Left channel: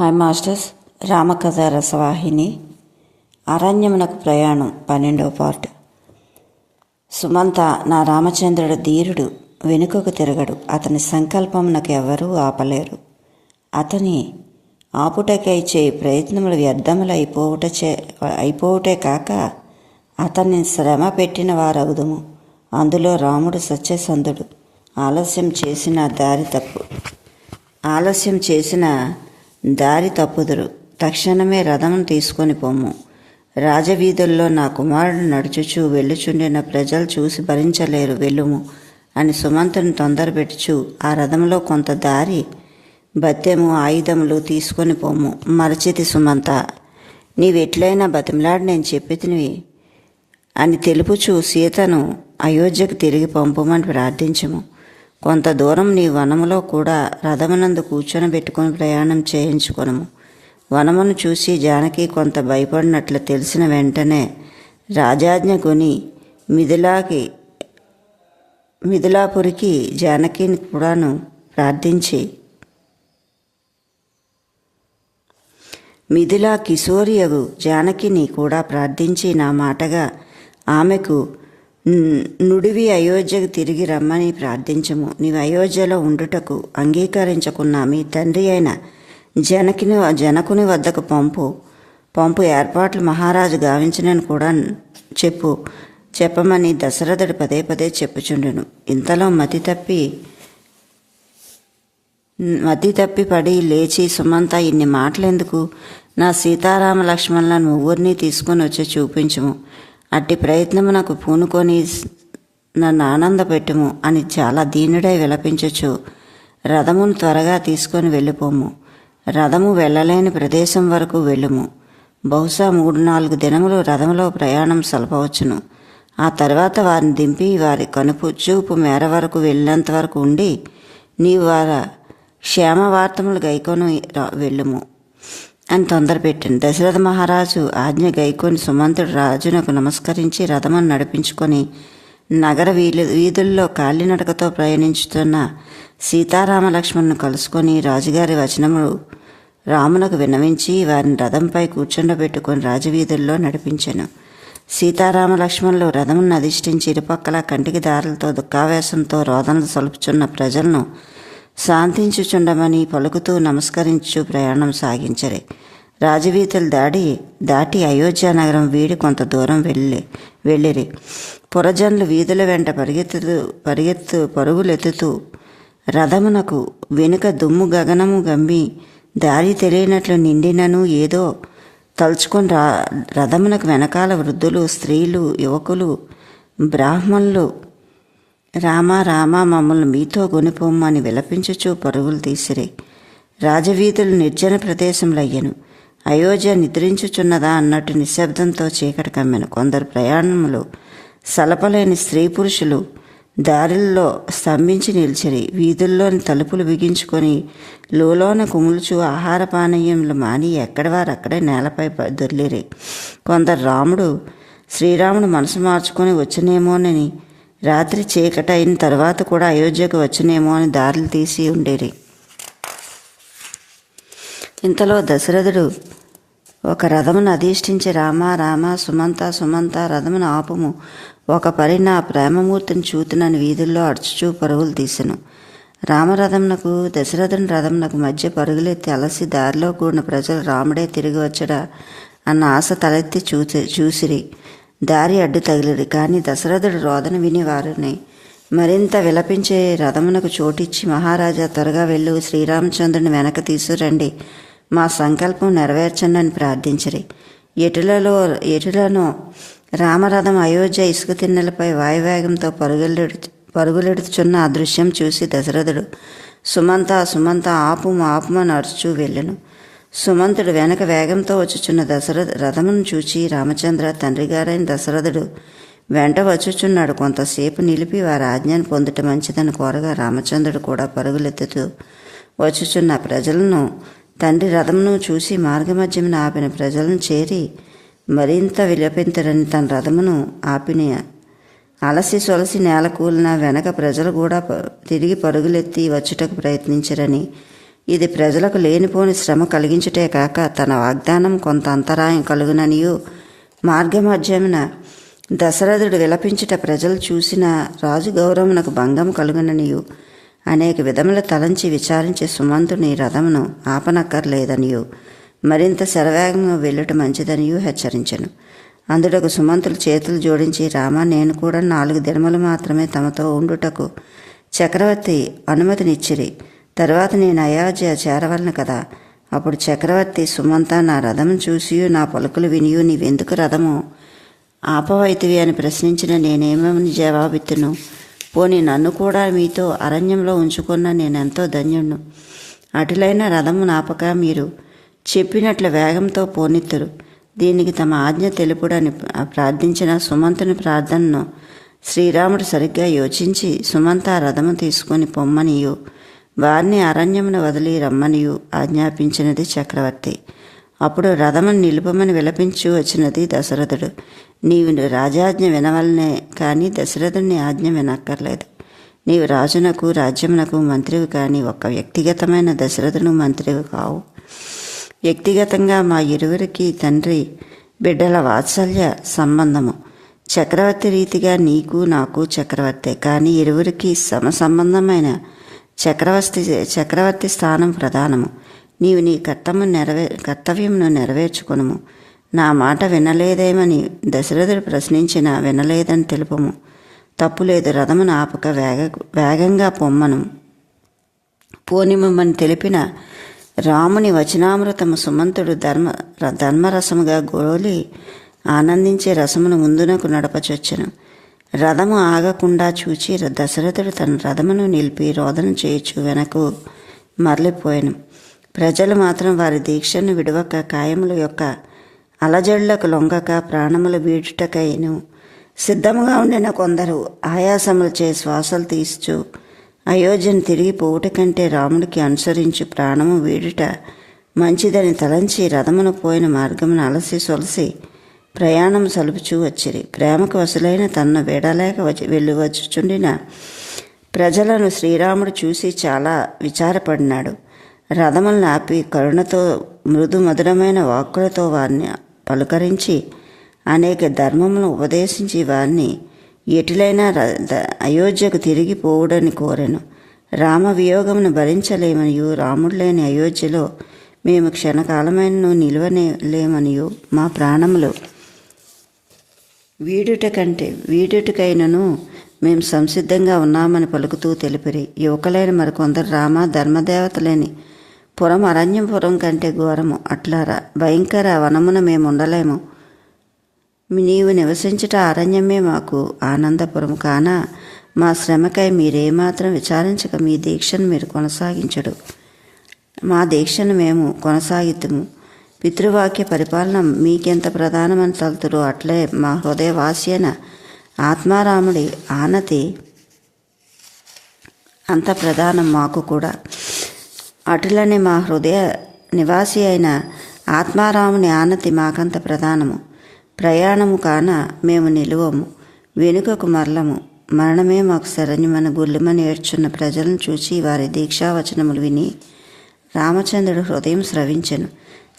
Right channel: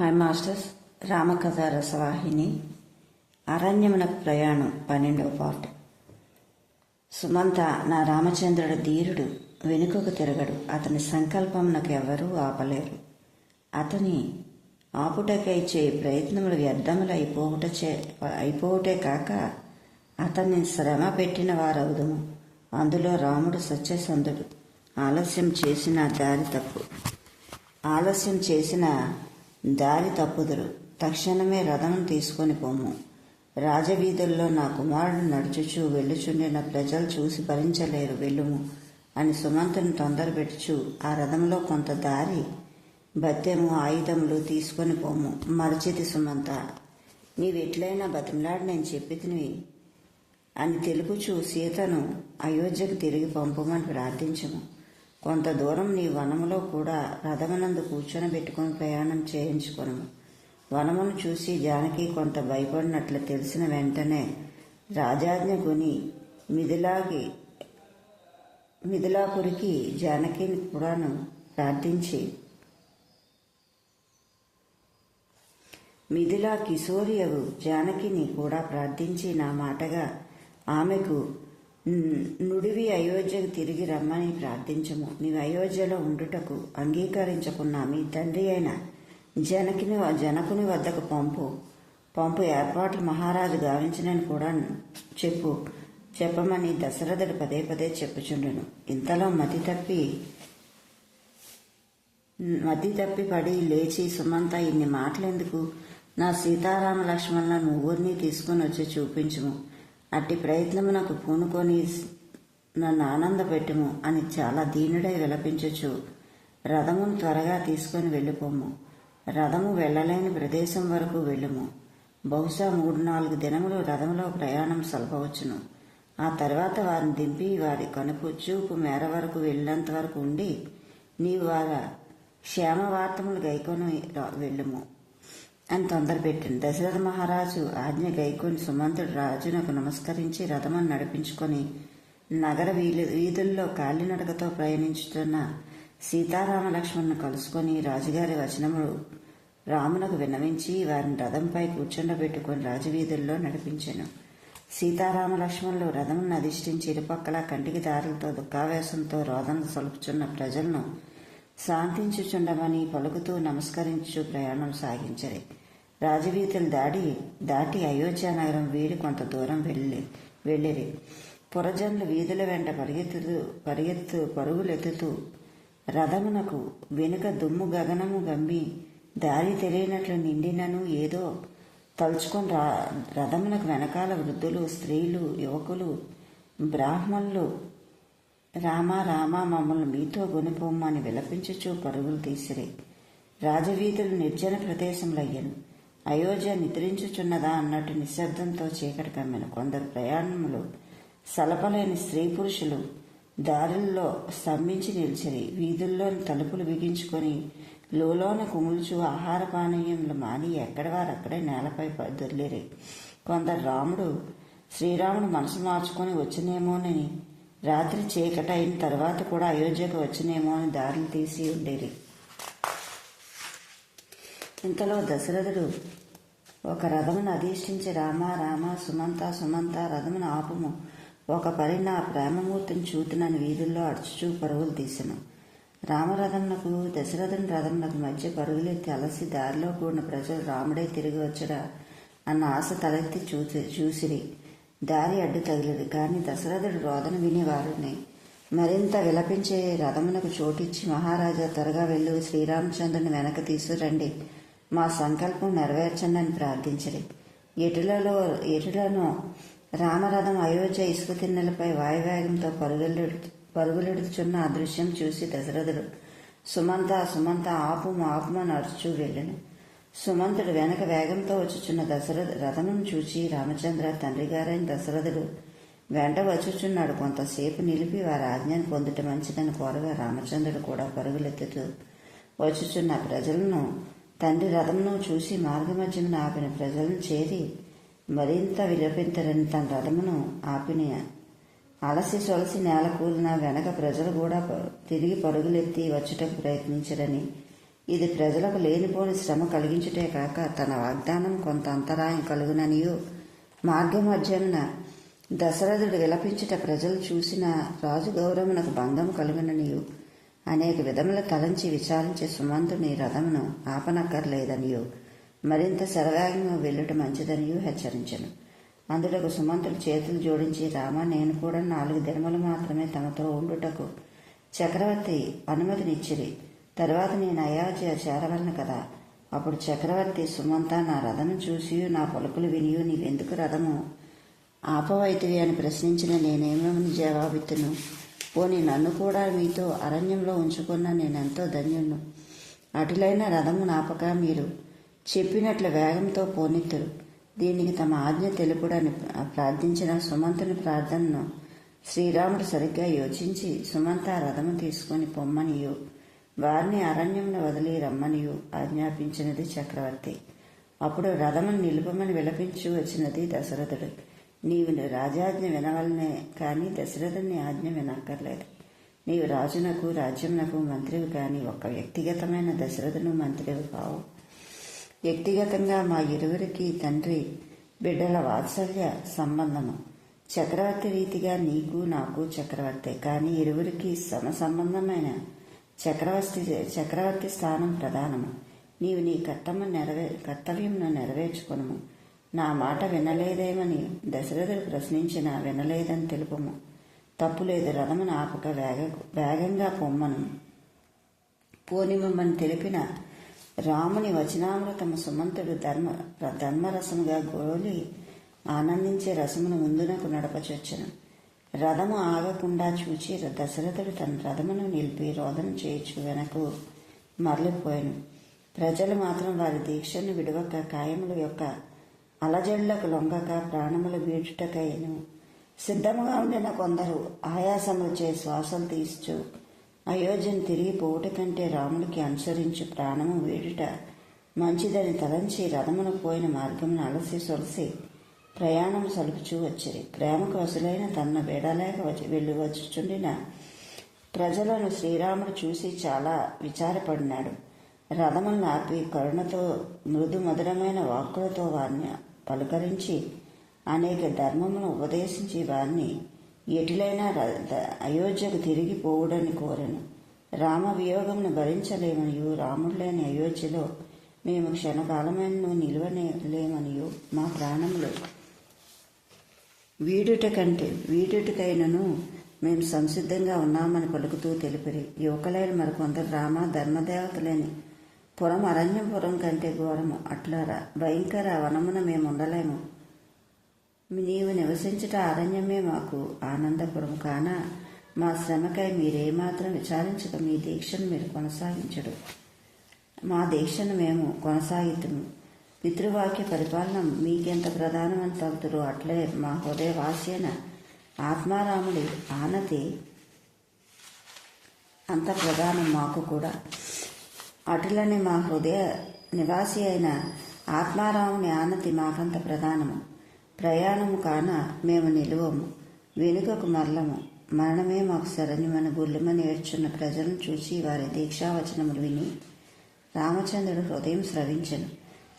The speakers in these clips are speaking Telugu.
హాయ్ మాస్టర్స్ రామకథ రసవాహిని అరణ్యమునకు ప్రయాణం పన్నెండవ పార్ట్. సుమంత నా రామచంద్రుడు ధీరుడు వెనుకకు తిరగడు. అతని సంకల్పం నాకు ఎవరూ ఆపలేరు. అతని ఆపుటకై చే ప్రయత్నములు వ్యర్థములు అయిపోవుట చే అయిపోవుటే కాక అతన్ని శ్రమ పెట్టిన వారవుదుము. అందులో రాముడు సత్యసంధుడు. ఆలస్యం చేసిన దారి తప్పు. ఆలస్యం చేసిన దారి తప్పుదురు. తక్షణమే రథమును తీసుకొని పొమ్ము రాజవీధుల్లో నా కుమారుడు నడుచుచూ వెళ్ళుచుండిన ప్రజలు చూసి భరించలేరు. వెళ్ళుము అని సుమంతుని తొందరపెట్టుచు ఆ రథంలో కొంత దారి బత్తెము ఆయుధములు తీసుకొని పొమ్ము మరచితి సుమంత నీవెట్లయినా బతిమలాడి నేను చెప్పితినివి అని తెలుపుచూ సీతను అయోధ్యకు తిరిగి పంపమని ప్రార్థించము. కొంత దూరం నీ వనములో కూడా రథమునందు కూర్చొని పెట్టుకొని ప్రయాణం చేయించుకొనము. వనమును చూసి జానకి కొంత భయపడినట్లు తెలిసిన వెంటనే రాజాజ్ఞ కొని మిథిలాకి మిథిలాపురికి జానకిని కూడాను ప్రార్థించి మిథిలా కిశోరియగు జానకిని కూడా ప్రార్థించి నా మాటగా ఆమెకు నుడివి అయోధ్యకు తిరిగి రమ్మని ప్రార్థించము. నీవు అయోధ్యలో ఉండుటకు అంగీకరించకున్నా మీ తండ్రి అయిన జనకిని జనకుని వద్దకు పంపు. పంపు ఏర్పాట్లు మహారాజు గావించినని కూడా చెప్పు. చెప్పమని దశరథుడు పదే పదే చెప్పుచుండును. ఇంతలో మతి తప్పి మతి తప్పి పడి లేచి సుమంత ఇన్ని మాటలెందుకు? నా సీతారామ లక్ష్మణులను ముగ్గురిని తీసుకొని వచ్చి చూపించము. అట్టి ప్రయత్నము నాకు పూనుకొని నన్ను ఆనందపెట్టుము అని చాలా దీనుడై విలపించచ్చు రథమును త్వరగా తీసుకొని వెళ్ళిపోము. రథము వెళ్ళలేని ప్రదేశం వరకు వెళ్ళుము. బహుశా మూడు నాలుగు దినములు రథములో ప్రయాణం సలపవచ్చును. ఆ తర్వాత వారిని దింపి వారి కనుపు చూపు మేర వరకు వెళ్ళినంత వరకు ఉండి నీవు వారి క్షేమ వార్తములు గైకొని వెళ్ళుము. అని తొందర పెట్టింది. దశరథ మహారాజు ఆజ్ఞ గైకొని సుమంతుడు రాజునకు నమస్కరించి రథమును నడిపించుకొని నగర వీధి వీధుల్లో కాలినడకతో ప్రయాణించుతున్న సీతారామ లక్ష్మణ్ను కలుసుకొని రాజుగారి వచనములు రామునకు విన్నవించి వారిని రథంపై కూర్చుండబెట్టుకొని రాజవీధుల్లో నడిపించాను. సీతారామ లక్ష్మణులు రథమును అధిష్ఠించి ఇరుపక్కల కంటికి దారులతో దుఃఖావేశంతో రోదనలు సలుపుచున్న ప్రజలను శాంతించుచుండమని పలుకుతూ నమస్కరించు ప్రయాణం సాగించరే. రాజవీధులు దాడి దాటి అయోధ్య నగరం వీడి కొంత దూరం వెళ్ళి వెళ్ళిరి. పురజనులు వీధుల వెంట పరిగెత్తుతూ పరిగెత్తు పరుగులెత్తుతూ రథమునకు వెనుక దుమ్ము గగనము గమ్మి దారి తెలియనట్లు నిండినను ఏదో తలుచుకొని రా రథమునకు వెనకాల వృద్ధులు స్త్రీలు యువకులు బ్రాహ్మణులు రామ రామ మమ్మల్ని మీతో గొనిపోమ్మని విలపించుచూ పరుగులు తీసిరి. రాజవీధులు నిర్జన ప్రదేశంలో అయోధ్య నిద్రించుచున్నదా అన్నట్టు నిశ్శబ్దంతో చీకటి కమ్మెను. కొందరు ప్రయాణములు సలపలేని స్త్రీ పురుషులు దారిల్లో స్తంభించి నిలిచిరి. వీధుల్లోని తలుపులు బిగించుకొని లోలోన కుములుచు ఆహార పానీయములు మాని ఎక్కడవారక్కడే అక్కడే నేలపై దొర్లిరి. కొందరు రాముడు శ్రీరాముడు మనసు మార్చుకొని వచ్చినేమోనని రాత్రి చీకట అయిన తర్వాత కూడా అయోధ్యకు వచ్చునేమో అని దారులు తీసి ఉండేరి. ఇంతలో దశరథుడు ఒక రథమును అధిష్ఠించి రామ రామ సుమంత సుమంత రథమును ఆపుము. ఒక పరి నా ప్రేమమూర్తిని చూతునని వీధుల్లో అడుచుచూ పరుగులు తీసెను. రామరథమునకు దశరథుని రథమునకు మధ్య పరుగులెత్తి అలసి దారిలో కూడిన ప్రజలు రాముడే తిరిగి వచ్చడా అన్న ఆశ తలెత్తి చూసి చూసిరి. దారి అడ్డు తగిలిరి కానీ దశరథుడు రోదన విని వారిని మరింత విలపించే రథమునకు చోటిచ్చి మహారాజా త్వరగా వెళ్ళు శ్రీరామచంద్రుని వెనక తీసుకురండి. మా సంకల్పం నెరవేర్చండి అని ప్రార్థించరి. ఎటులలో ఎటులను రామరథం అయోధ్య ఇసుక తిన్నెలపై వాయువేగంతో పరుగులెడు పరుగులెడుచున్న ఆ దృశ్యం చూసి దశరథుడు సుమంత సుమంత ఆపుము ఆపుమని అరుచూ వెళ్ళను. సుమంతుడు వెనక వేగంతో వచ్చుచున్న దశరథ రథమును చూచి రామచంద్ర తండ్రి గారైన దశరథుడు వెంట వచ్చుచున్నాడు. కొంతసేపు నిలిపి వారి ఆజ్ఞను పొందుట మంచిదని కోరగా రామచంద్రుడు కూడా పరుగులెత్తుతూ వచ్చుచున్న ప్రజలను తండ్రి రథమును చూసి మార్గమధ్యమున ఆపిన ప్రజలను చేరి మరింత విలపింతరని తన రథమును ఆపిన అలసి సొలసి నేల కూలిన వెనక ప్రజలు కూడా తిరిగి పరుగులెత్తి వచ్చుటకు ప్రయత్నించరని ఇది ప్రజలకు లేనిపోని శ్రమ కలిగించుటే కాక తన వాగ్దానం కొంత అంతరాయం కలుగుననియు. మార్గమధ్యమున దశరథుడు విలపించుట ప్రజలు చూసిన రాజు గౌరవమునకు భంగం కలుగుననియు. అనేక విధముల తలంచి విచారించి సుమంతుని రథమును ఆపనక్కర్లేదనియు. మరింత శరవేగంగా వెళ్ళుట మంచిదనియు హెచ్చరించను. అందుటకు సుమంతులు చేతులు జోడించి రామ నేను కూడా నాలుగు దినములు మాత్రమే తమతో ఉండుటకు చక్రవర్తి అనుమతినిచ్చిరి. తర్వాత నేను అయోధ్య చేరవలను కదా. అప్పుడు చక్రవర్తి సుమంత నా రథం చూసి నా పలుకులు వినియు నీవెందుకు రథము? ఆపవైతివి అని ప్రశ్నించిన నేనేమని జవాబిత్తును? పోని నన్ను కూడా మీతో అరణ్యంలో ఉంచుకున్న నేనెంతో ధన్యుణ్ణు. అటులైన రథము నాపక మీరు చెప్పినట్లు వేగంతో పోనిత్తురు. దీనికి తమ ఆజ్ఞ తెలుపుడని ప్రార్థించిన సుమంతుని ప్రార్థనను శ్రీరాముడు సరిగ్గా యోచించి సుమంత ఆ రథము తీసుకొని పొమ్మనియు. వారిని అరణ్యమును వదిలి రమ్మనియు ఆజ్ఞాపించినది చక్రవర్తి. అప్పుడు రథమును నిలుపమని విలపించి వచ్చినది దశరథుడు. నీవు రాజాజ్ఞ వినవలనే కానీ దశరథుని ఆజ్ఞ వినక్కర్లేదు. నీవు రాజునకు రాజ్యమునకు మంత్రివి కానీ ఒక వ్యక్తిగతమైన దశరథును మంత్రివి కావు. వ్యక్తిగతంగా మా ఇరువురికి తండ్రి బిడ్డల వాత్సల్య సంబంధము. చక్రవర్తి రీతిగా నీకు నాకు చక్రవర్తే. కానీ ఇరువురికి సమ సంబంధమైన చక్రవర్తి చక్రవర్తి స్థానం ప్రధానము. నీవు నీ కర్తము నెరవే కర్తవ్యమును నెరవేర్చుకును నా మాట వినలేదేమని దశరథుడు ప్రశ్నించిన వినలేదని తెలుపము. తప్పులేదు రథమును ఆపక వేగ వేగంగా పొమ్మను. పోనిమని తెలిపిన రాముని వచనామృతము సుమంతుడు ధర్మ ధర్మరసముగా గోలి ఆనందించే రసమును ముందునకు నడపచొచ్చను. రథము ఆగకుండా చూచి దశరథుడు తన రథమును నిలిపి రోదన చేయొచ్చు వెనకు మరలిపోయాను. ప్రజలు మాత్రం వారి దీక్షను విడవక కాయముల యొక్క అలజడులకు లొంగక ప్రాణములు వీడుటకైను సిద్ధముగా ఉండిన కొందరు ఆయాసములచే శ్వాసలు తీస్తూ అయోధ్యను తిరిగి పోవుట కంటే రాముడికి అనుసరించు ప్రాణము వీడుట మంచిదని తలంచి రథమును పోయిన మార్గమును అలసి సొలసి ప్రయాణం సలుపుచూ వచ్చిరి. ప్రేమకు వసులైన తన్ను వీడలేక వచ్చి వెళ్ళి వచ్చుచుండిన ప్రజలను శ్రీరాముడు చూసి చాలా విచారపడినాడు. రథములను ఆపి కరుణతో మృదు మధురమైన వాక్కులతో వారిని పలుకరించి అనేక ధర్మములను ఉపదేశించి వారిని ఎటులైనా అయోధ్యకు తిరిగి పోవుడని కోరెను. రామ వియోగమును భరించలేమనియు రాముడు లేని అయోధ్యలో మేము క్షణకాలమైన నిలువనే లేమనియు మా ప్రాణములు వీడుట కంటే వీడుటకైనను మేము సంసిద్ధంగా ఉన్నామని పలుకుతూ తెలిపిరి. యువకులైన మరికొందరు రామ ధర్మదేవతలేని పురం అరణ్యపురం కంటే ఘోరము. అట్లారా భయంకర వనమున మేము ఉండలేము. నీవు నివసించుట అరణ్యమే మాకు ఆనందపురం కాన మా శ్రమకై మీరేమాత్రం విచారించక మీ దీక్షను మీరు కొనసాగించడు మా దీక్షను మేము కొనసాగిద్దుము పితృవాక్య పరిపాలన మీకెంత ప్రధానమని తలుతురు అట్లే మా హృదయవాస్యన ఆత్మారాముడి ఆనతి అంత ప్రధానం మాకు కూడా. అటులనే మా హృదయ నివాసి అయిన ఆత్మారాముని ఆనతి మాకంత ప్రధానము. ప్రయాణము కాన మేము నిలువము. వెనుకకు మరలము. మరణమే మాకు శరణ్యమని గుళ్ళమని ఏడ్చున్న ప్రజలను చూసి వారి దీక్షావచనములు విని రామచంద్రుడు హృదయం స్రవించెను.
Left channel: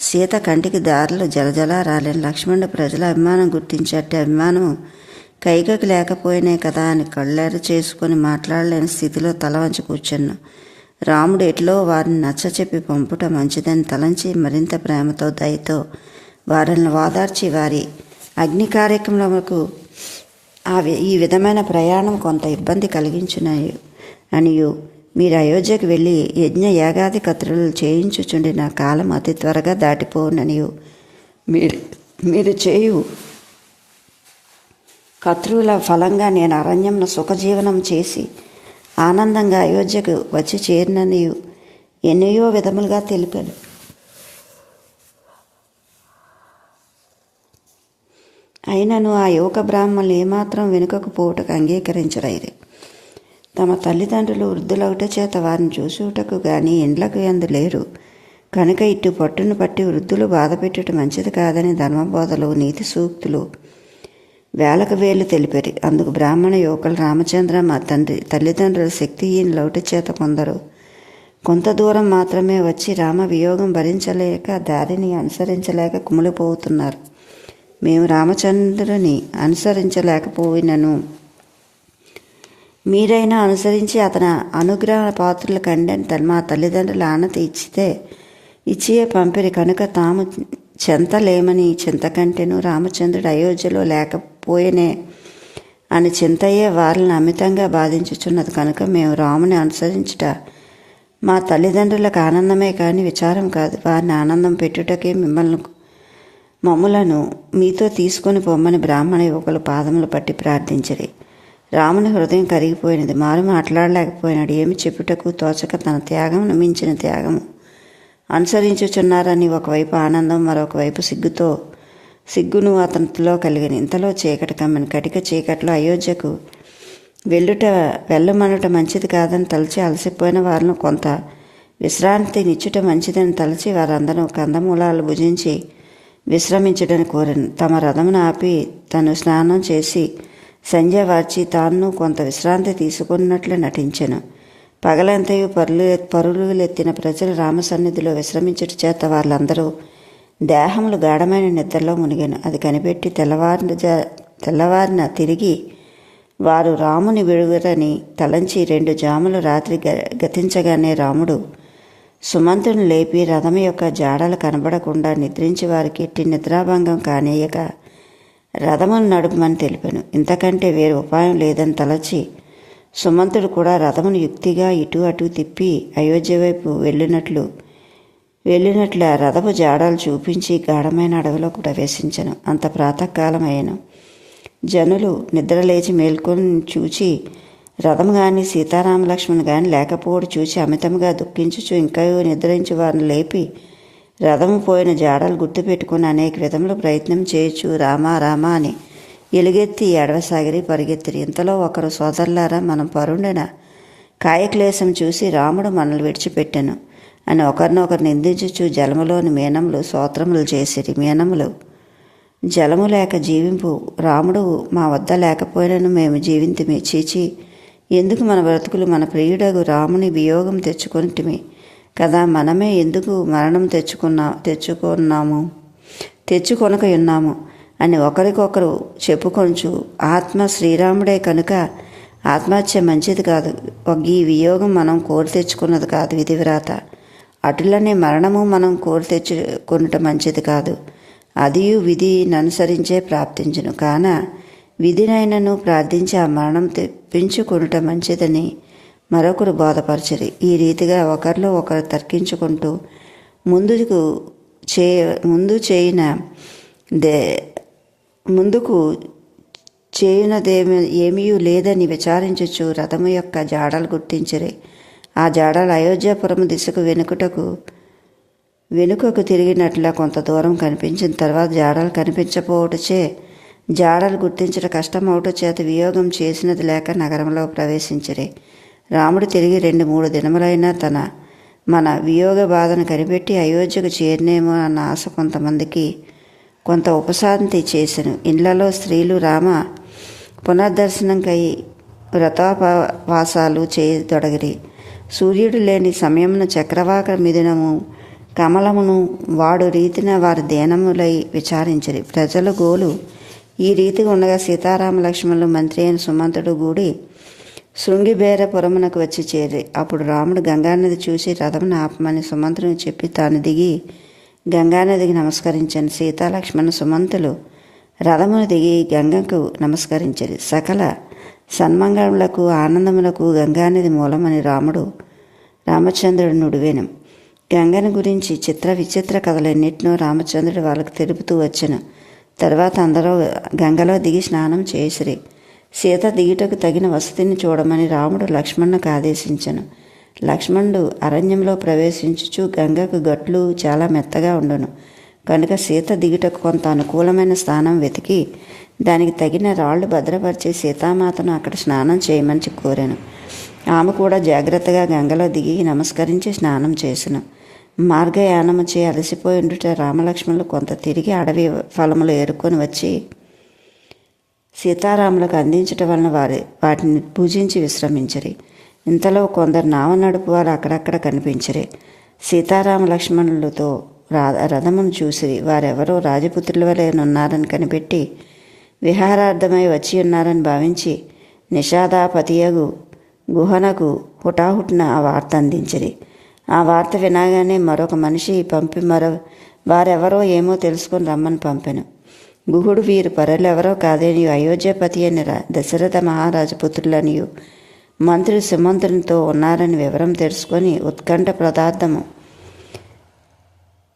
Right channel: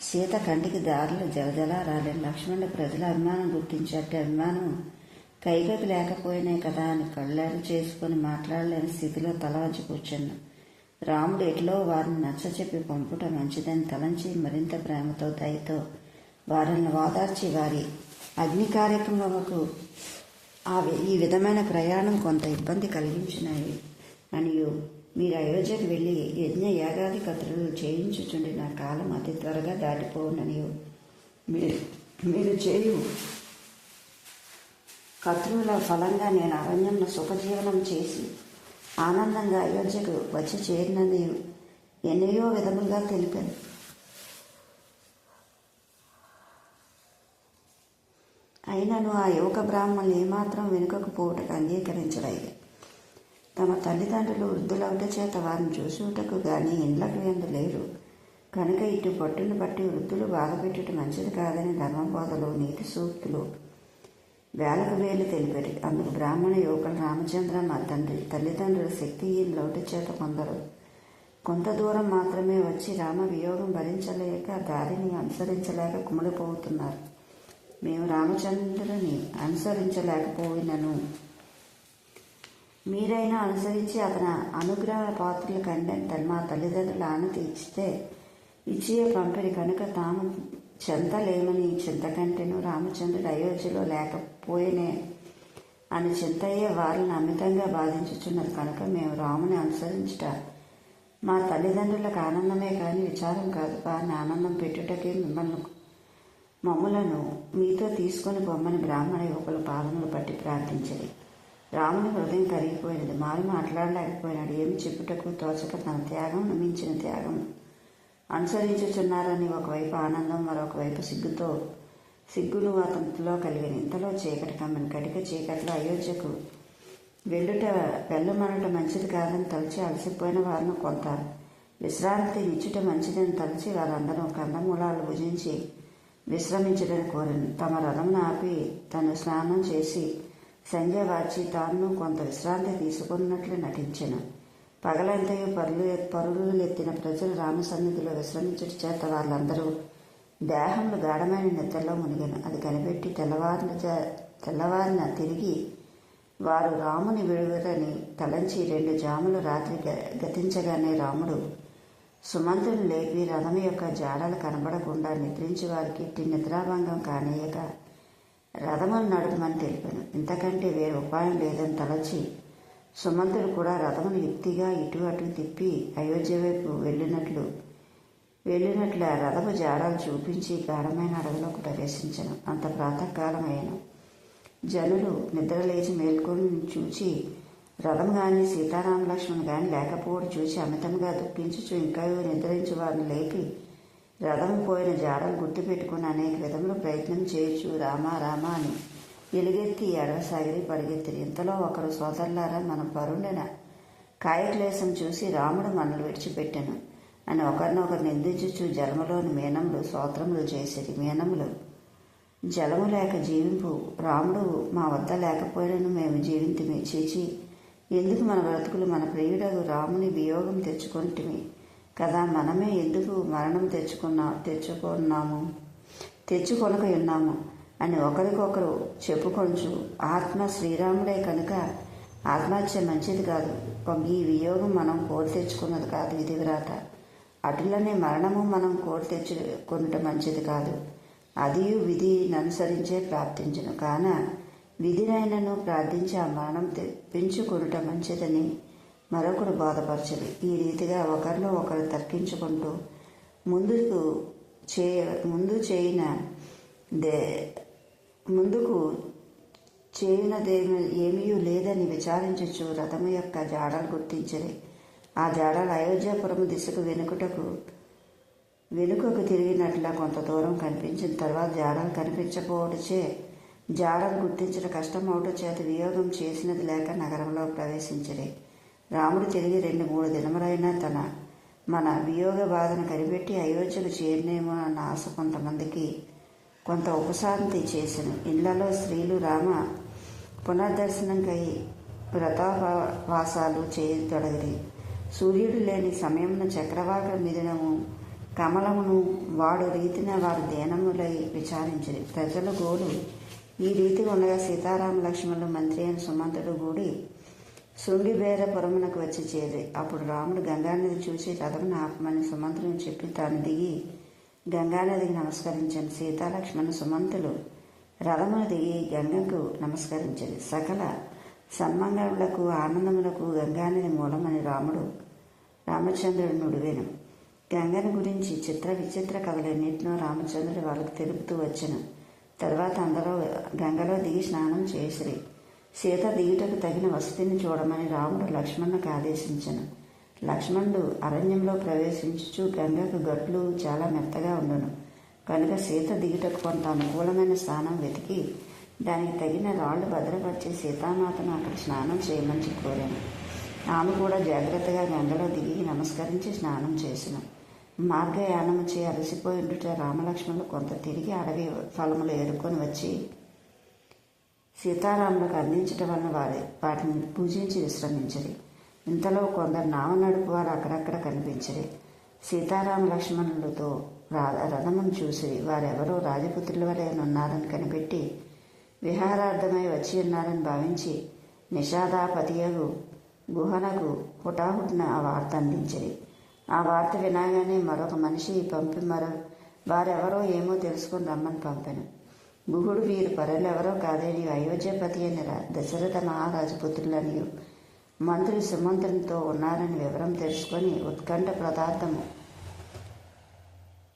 సీత కంటికి దారులు జలజల రాలేని లక్ష్మణుడు ప్రజల అభిమానం గుర్తించట్టే అభిమానం కైకకి లేకపోయినాయి కదా అని కళ్ళెర చేసుకొని మాట్లాడలేని స్థితిలో తల వంచి కూర్చున్నాను రాముడు ఎట్లో వారిని నచ్చచెప్పి పంపుట మంచిదని తలంచి మరింత ప్రేమతో దయతో వారిని ఓదార్చి వారి అగ్ని కార్యక్రమములకు ఈ విధమైన ప్రయాణం కొంత ఇబ్బంది కలిగించున్నాయి అనియు. మీరు అయోధ్యకు వెళ్ళి యజ్ఞ యాగాది కత్రులు చేయించుచుండిన కాలం అతి త్వరగా దాటిపోననియు మీరు మీరు చేయు. కత్రువుల ఫలంగా నేను అరణ్యంలో సుఖజీవనం చేసి ఆనందంగా అయోధ్యకు వచ్చి చేరినని ఎన్నయో విధములుగా తెలిపాను. అయినను ఆ యువక బ్రాహ్మణులు ఏమాత్రం వెనుకకు పోవుటకు అంగీకరించరైరే తమ తల్లిదండ్రులు వృద్ధులవుట చేత వారిని చూసుటకు గాని ఇండ్లకు ఎందు లేరు. కనుక ఇటు పట్టును పట్టి వృద్ధులు బాధపెట్టుట మంచిది కాదని ధర్మబోధలు నీతి సూక్తులు వేలకు వేలు తెలిపారు. అందుకు బ్రాహ్మణ యువకులు రామచంద్ర మా తండ్రి తల్లిదండ్రులు శక్తిహీన లౌట చేత కొందరు కొంత దూరం మాత్రమే వచ్చి రామ వియోగం భరించలేక దారిని అనుసరించలేక కుమిలిపోతున్నారు మేము రామచంద్రుని అనుసరించలేకపోయినను. మీరైనా అనుసరించి అతని అనుగ్రహ పాత్రల కండని తన మా తల్లిదండ్రుల ఆనతి ఇచ్చితే ఇచ్చియే పంపిరి కనుక తాము చెంతలేమని చింతకంటేను రామచంద్రుడు అయోధ్యలో లేకపోయేనే అని చింతయ్యే వారిని అమితంగా బాధించుచున్నది కనుక మేము రాముని అనుసరించుట మా తల్లిదండ్రులకు ఆనందమే కానీ విచారం కాదు. వారిని ఆనందం పెట్టుటకే మిమ్మల్ని మమ్ములను మీతో తీసుకొని పొమ్మని బ్రాహ్మణ యువకుల పాదములు పట్టి ప్రార్థించిరి. రాముని హృదయం కరిగిపోయినది. మారు మాట్లాడలేకపోయినాడు. ఏమి చెప్పుటకు తోచక తన త్యాగమును మించిన త్యాగము. అనుసరించుచున్నారని ఒకవైపు ఆనందం మరొకవైపు సిగ్గుతో? సిగ్గును అతనిలో కలిగిన. ఇంతలో చీకటి కమ్మని కటిక చీకట్లో అయోధ్యకు వెళ్ళుట వెళ్ళమనుట మంచిది కాదని తలచి అలసిపోయిన వారిని కొంత విశ్రాంతినిచ్చుట మంచిదని తలచి వారందరూ కందమూలాలు భుజించి విశ్రమించడని కోరాను. తమ రథమును ఆపి తను స్నానం చేసి సంధ్య వార్చి తాను కొంత విశ్రాంతి తీసుకున్నట్లు నటించెను. పగలంతయు పరులు పరులులెత్తిన ప్రజలు రామసన్నిధిలో విశ్రమించుట చేత వాళ్ళందరూ దేహములు గాఢమైన నిద్రలో మునిగాను. అది కనిపెట్టి తెల్లవారిన జా- తెల్లవారిన తిరిగి వారు రాముని విడుగురని తలంచి రెండు జాములు రాత్రి గ- గతించగానే రాముడు సుమంతుని లేపి రథం యొక్క జాడలు కనబడకుండా నిద్రించి వారికి ఎట్టి నిద్రాభంగం కానేయక రథమును నడుపమని తెలిపాను. ఇంతకంటే వేరే ఉపాయం లేదని తలచి సుమంతుడు కూడా రథమును యుక్తిగా ఇటు అటు తిప్పి అయోధ్య వైపు వెళ్ళినట్లు వెళ్ళినట్లు ఆ రథపు జాడలు చూపించి గాఢమైన అడవిలో ప్రవేశించను. అంత ప్రాతకాలం అయ్యాను జనులు నిద్రలేచి మేల్కొని చూచి రథం కానీ సీతారామలక్ష్మణ్ కానీ లేకపోవడం చూచి అమితంగా దుఃఖించుచు ఇంకా నిద్రించు వారిని లేపి రథము పోయిన జాడలు గుర్తుపెట్టుకుని అనేక విధములు ప్రయత్నం చేయొచ్చు. రామా రామా అని ఎలుగెత్తి ఎడవసాగిరి పరిగెత్తిరి. ఇంతలో ఒకరు సోదరులారా మనం పరుండిన కాయక్లేశం చూసి రాముడు మనల్ని విడిచిపెట్టాను అని ఒకరినొకరు నిందించుచు జలములోని మీనములు సోత్రములు చేసిరి. మీనములు జలము లేక జీవింపు రాముడు మా వద్ద లేకపోయినను మేము జీవింతిమి. చీచి ఎందుకు మన బ్రతుకులు మన ప్రియుడగు రాముని వియోగం తెచ్చుకొనిటిమి? కదా మనమే ఎందుకు మరణం తెచ్చుకున్నా తెచ్చుకున్నాము? తెచ్చుకొనక ఉన్నాము అని ఒకరికొకరు చెప్పుకొంచు ఆత్మ శ్రీరాముడే కనుక ఆత్మహత్య మంచిది కాదు. ఈ వియోగం మనం కోరి తెచ్చుకున్నది కాదు విధివ్రాత అటులనే మరణము మనం కోరి తెచ్చుకున్నట మంచిది కాదు. అదియు విధిని అనుసరించే ప్రాప్తించును. కాన విధినైనను ప్రార్థించి ఆ మరణం తెప్పించుకొనుట మంచిదని మరొకరు బోధపరచరు. ఈ రీతిగా ఒకరిలో ఒకరు తర్కించుకుంటూ ముందుకు చే ముందు చేయిన దే ముందుకు చేయునదేమి ఏమీ లేదని విచారించచ్చు రథము యొక్క జాడలు గుర్తించిరి. ఆ జాడలు అయోధ్యాపురం దిశకు వెనుకటకు వెనుకకు తిరిగినట్లు కొంత దూరం కనిపించిన తర్వాత జాడలు కనిపించకపోవటచే జాడలు గుర్తించడం కష్టం అవటం చేత వియోగం చేసినది లేక నగరంలో ప్రవేశించరే. రాముడు తిరిగి రెండు మూడు దినములైనా తన మన వియోగ బాధను కనిపెట్టి అయోధ్యకు చేరినేమో అన్న ఆశ కొంతమందికి కొంత ఉపశాంతి చేసెను. ఇండ్లలో స్త్రీలు రామ పునర్దర్శనంకై వ్రతోపవాసాలు చేయదొడగిరి. సూర్యుడు లేని సమయమున చక్రవాక మిథునము కమలమును వాడు రీతిన వారి దేనములై విచారించిరి. ప్రజల గోలు ఈ రీతిగా ఉండగా సీతారామ లక్ష్మణులు మంత్రి అయిన సుమంతుడు గూడి శృంగిబేరపురమునకు వచ్చి చేరి. అప్పుడు రాముడు గంగానది చూసి రథమును ఆపమని సుమంతుని చెప్పి తాను దిగి గంగానదికి నమస్కరించాను. సీతాలక్ష్మణ సుమంతులు రథమును దిగి గంగకు నమస్కరించరు. సకల సన్మంగళములకు ఆనందములకు గంగానది మూలమని రాముడు రామచంద్రుడు నుడివేను. గంగను గురించి చిత్ర విచిత్ర కథలన్నిటినో రామచంద్రుడు వాళ్ళకు తెలుపుతూ వచ్చాను. తర్వాత అందరూ గంగలో దిగి స్నానం చేసిరి. సీత దిగుటకు తగిన వసతిని చూడమని రాముడు లక్ష్మణ్కు ఆదేశించను. లక్ష్మణుడు అరణ్యంలో ప్రవేశించుచు గంగకు గట్లు చాలా మెత్తగా ఉండును. కనుక సీత దిగుటకు కొంత అనుకూలమైన స్థానం వెతికి దానికి తగిన రాళ్ళు భద్రపరిచి సీతామాతను అక్కడ స్నానం చేయమని కోరాను ఆమె కూడా జాగ్రత్తగా గంగలో దిగి నమస్కరించి స్నానం చేసిన. మార్గయానము చే అలసిపోయి ఉండుట రామలక్ష్మణులు కొంత తిరిగి అడవి ఫలములు ఏరుకొని వచ్చి సీతారాములకు అందించటం వలన వారి వాటిని పూజించి విశ్రమించరి. ఇంతలో కొందరు నావ నడుపు వారు అక్కడక్కడ కనిపించరే. సీతారామ లక్ష్మణులతో రా రథమును చూసి వారెవరో రాజపుత్రుల వలె ఉన్నారని కనిపెట్టి విహారార్థమై వచ్చి ఉన్నారని భావించి నిషాదాపతియగు గుహనకు హుటాహుటిన ఆ వార్త అందించిరి. ఆ వార్త వినగానే మరొక మనిషి పంపి మరో వారెవరో ఏమో తెలుసుకొని రమ్మని పంపెను. గుహుడు వీరు పరులెవరో కాదని అయోధ్యపతి అని రా దశరథ మహారాజు పుత్రులనియు మంత్రి సుమంత్రునితో ఉన్నారని వివరం తెలుసుకొని ఉత్కంఠ పదార్థము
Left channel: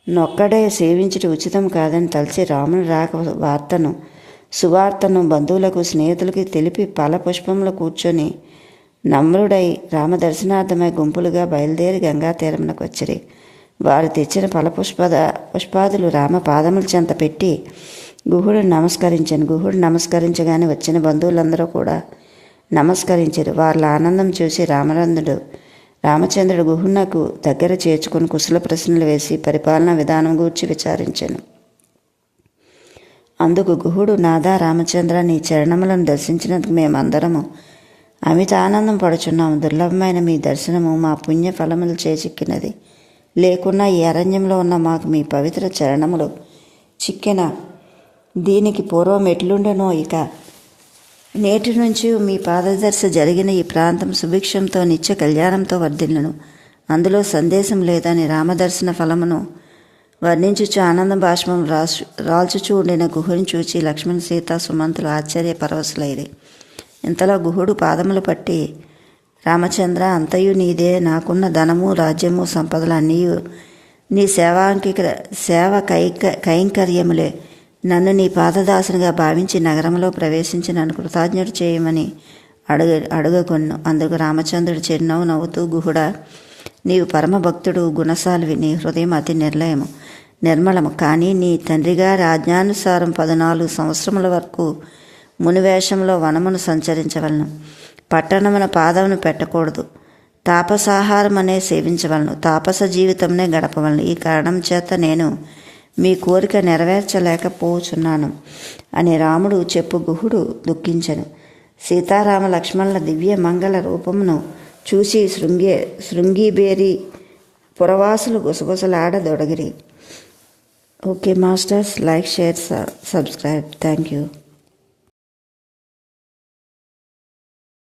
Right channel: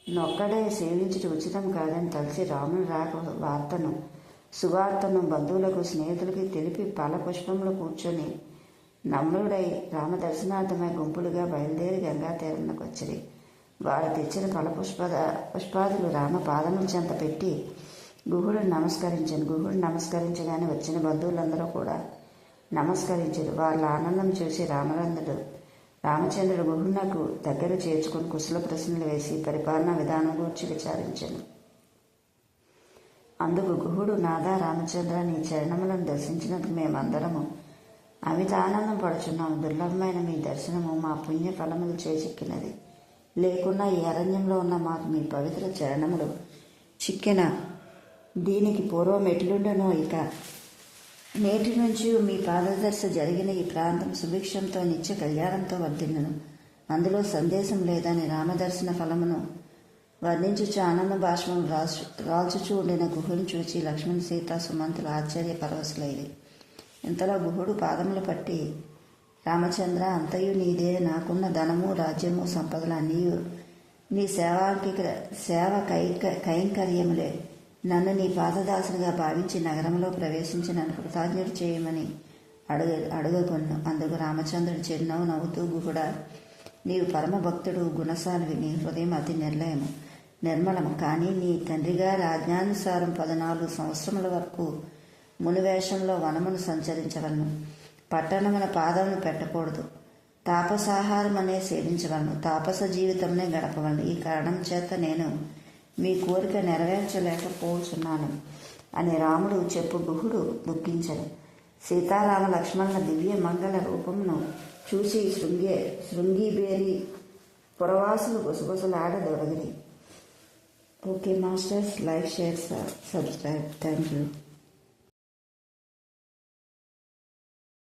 నొక్కడే సేవించడం ఉచితం కాదని తలచి రాముని రాక వార్తను సువార్తను బంధువులకు స్నేహితులకి తెలిపి పల పుష్పంలో కూర్చొని నమ్రుడై రామదర్శనార్థమై గుంపులుగా బయలుదేరి గంగా తీరమునకు వచ్చిరి. వారు తెచ్చిన ఫల పుష్పద పుష్పాదులు రామ పాదముల చెంత పెట్టి గుహుడు నమస్కరించాను. గుహుడు నమస్కరించగానే వచ్చిన బంధువులందరూ కూడా నమస్కరించారు. వాళ్ళ ఆనందం చూసి రామరంధుడు రామచంద్రుడు గుహునకు దగ్గర చేర్చుకుని కుశల ప్రశ్నలు వేసి పరిపాలనా విధానం గూర్చి విచారించాను. అందుకు గుహుడు నాదా రామచంద్ర నీ చరణములను దర్శించినందుకు మేమందరము అమిత ఆనందం పడుచున్నాము. దుర్లభమైన మీ దర్శనము మా పుణ్య ఫలములు చేచిక్కినది. లేకున్నా ఈ అరణ్యంలో ఉన్న మాకు మీ పవిత్ర చరణములు చిక్కిన దీనికి పూర్వం ఎట్లుండెనో ఇక. నేటి నుంచి మీ పాదదర్శ జరిగిన ఈ ప్రాంతం సుభిక్షంతో నిత్య కళ్యాణంతో వర్ధిల్లను. అందులో సందేశం లేదని రామదర్శన ఫలమును వర్ణించుచు ఆనంద భాష్మం రాసు రాల్చుచూ ఉండిన గుహుని చూచి లక్ష్మణ్ సీత సుమంతులు ఆశ్చర్య పరవశులైరి. ఇంతలో గుహుడు పాదములు పట్టి రామచంద్ర అంతయు నీదే నాకున్న ధనము రాజ్యము సంపదలు అన్నీ నీ సేవాంకిక సేవ కైక కైంకర్యములే. నన్ను నీ పాదదాసునిగా భావించి నగరంలో ప్రవేశించి నన్ను కృతజ్ఞుడు చేయమని అడుగ అడుగకొన్ను. అందుకు రామచంద్రుడు చిరునవ్వు నవ్వుతూ గుహుడా నీవు పరమభక్తుడు గుణశాలివి. నీ హృదయం అతి నిర్లయము నిర్మలము. కానీ నీ తండ్రిగారి ఆజ్ఞానుసారం పద్నాలుగు సంవత్సరముల వరకు మునివేషంలో వనమును సంచరించవలను. పట్టణమున పాదమును పెట్టకూడదు. తాపసాహారం అనే సేవించవలను. తాపస జీవితంనే గడపవలను. ఈ కారణం చేత నేను మీ కోరిక నెరవేర్చలేకపోచున్నాను అని రాముడు చెప్పు గుహుడు దుఃఖించను. సీతారామ లక్ష్మణుల దివ్య మంగళ రూపమును చూసి శృంగే శృంగిబేరి పురవాసులు గుసగుసలాడదొడగిరి okay masters like share subscribe. Thank you.